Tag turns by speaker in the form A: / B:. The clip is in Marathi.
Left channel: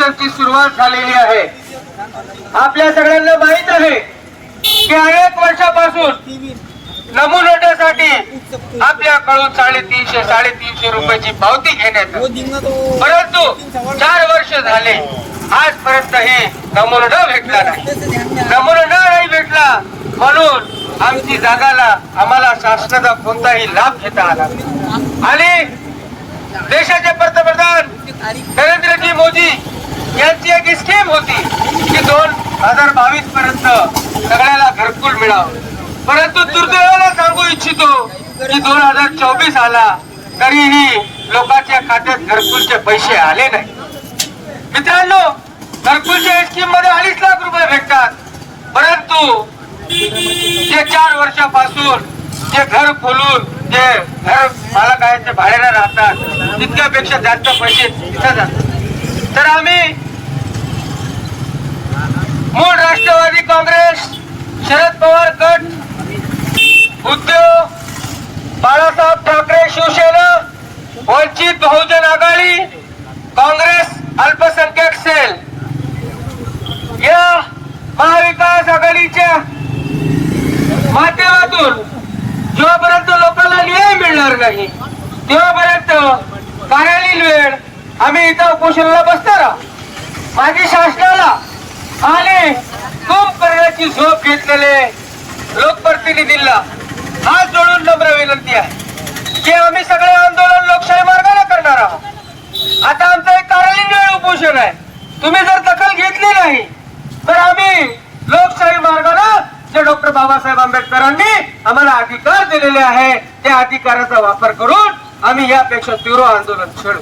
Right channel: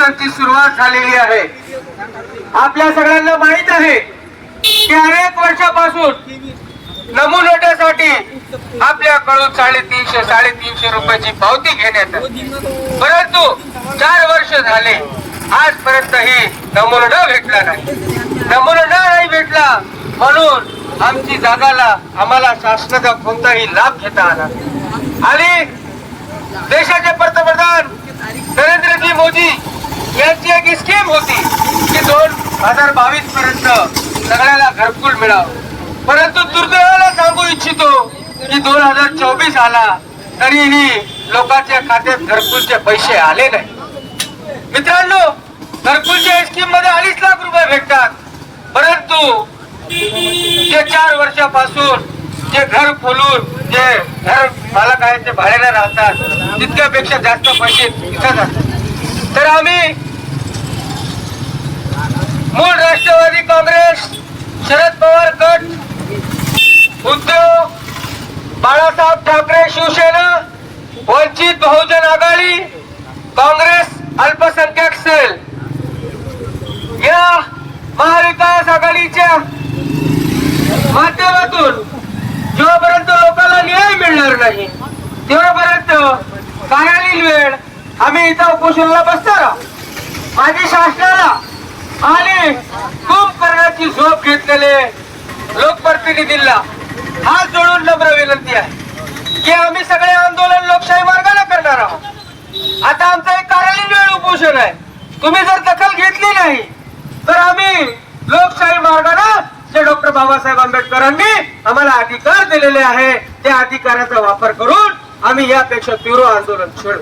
A: आंदोलनाची सुरुवात झालेली आहे. आपल्या सगळ्यांना माहीत आहे की अनेक वर्षापासून नमुनोट्यासाठी आपल्याकडून साडेतीनशे साडेतीनशे रुपयाची पावती घेण्यात परंतु चार वर्ष झाले. आजपर्यंत ही नमुना भेटला नाही. नमुना नाही भेटला म्हणून आमची जागाला आम्हाला शासनाचा कोणताही लाभ घेता आला आणि देशाचे पंतप्रधान नरेंद्रजी मोदी यांची स्कीम होती की दोन हजार बावीस पर्यंत सगळ्याला घरकुल मिळावं. परंतु दुर्दैवाला सांगू इच्छितो की दोन हजार चोवीस आला तरीही लोकांच्या खात्यात घरकुलचे पैसे आले नाही. मित्रांनो घरकुलच्या स्कीममध्ये अडीच लाख रुपये भेटतात. परंतु जे चार वर्षापासून जे घर खोलून जे घर मालक आहेत ते भाड्याने राहतात तितक्यापेक्षा जास्त पैसे तिथं जातात. तर आम्ही काँग्रेस शरद पवार गट उद्योग बाळासाहेब ठाकरे शिवसेना वंचित बहुजन आघाडी काँग्रेस अल्पसंख्याक सेल. या महाविकास आघाडीच्या माध्यमातून जेव्हापर्यंत लोकांना न्याय मिळणार नाही तेव्हापर्यंत कारालील वेळ आम्ही इथं उपोषणाला बसणार आहोत. कुंभकर्णाची झोप घेतलेले लोकप्रतिनिधींना हात जोडून नम्र विनंती आहे की आम्ही सगळे आंदोलन लोकशाही मार्गाला करणार आहोत. आता आमचं एक कार्यालयीन वेळ उपोषण आहे. तुम्ही जर दखल घेतली नाही तर आम्ही लोकशाही मार्गाला जे डॉक्टर बाबासाहेब आंबेडकरांनी आम्हाला अधिकार दिलेले आहे त्या अधिकाराचा वापर करून आम्ही यापेक्षा तीव्र आंदोलन छेडू.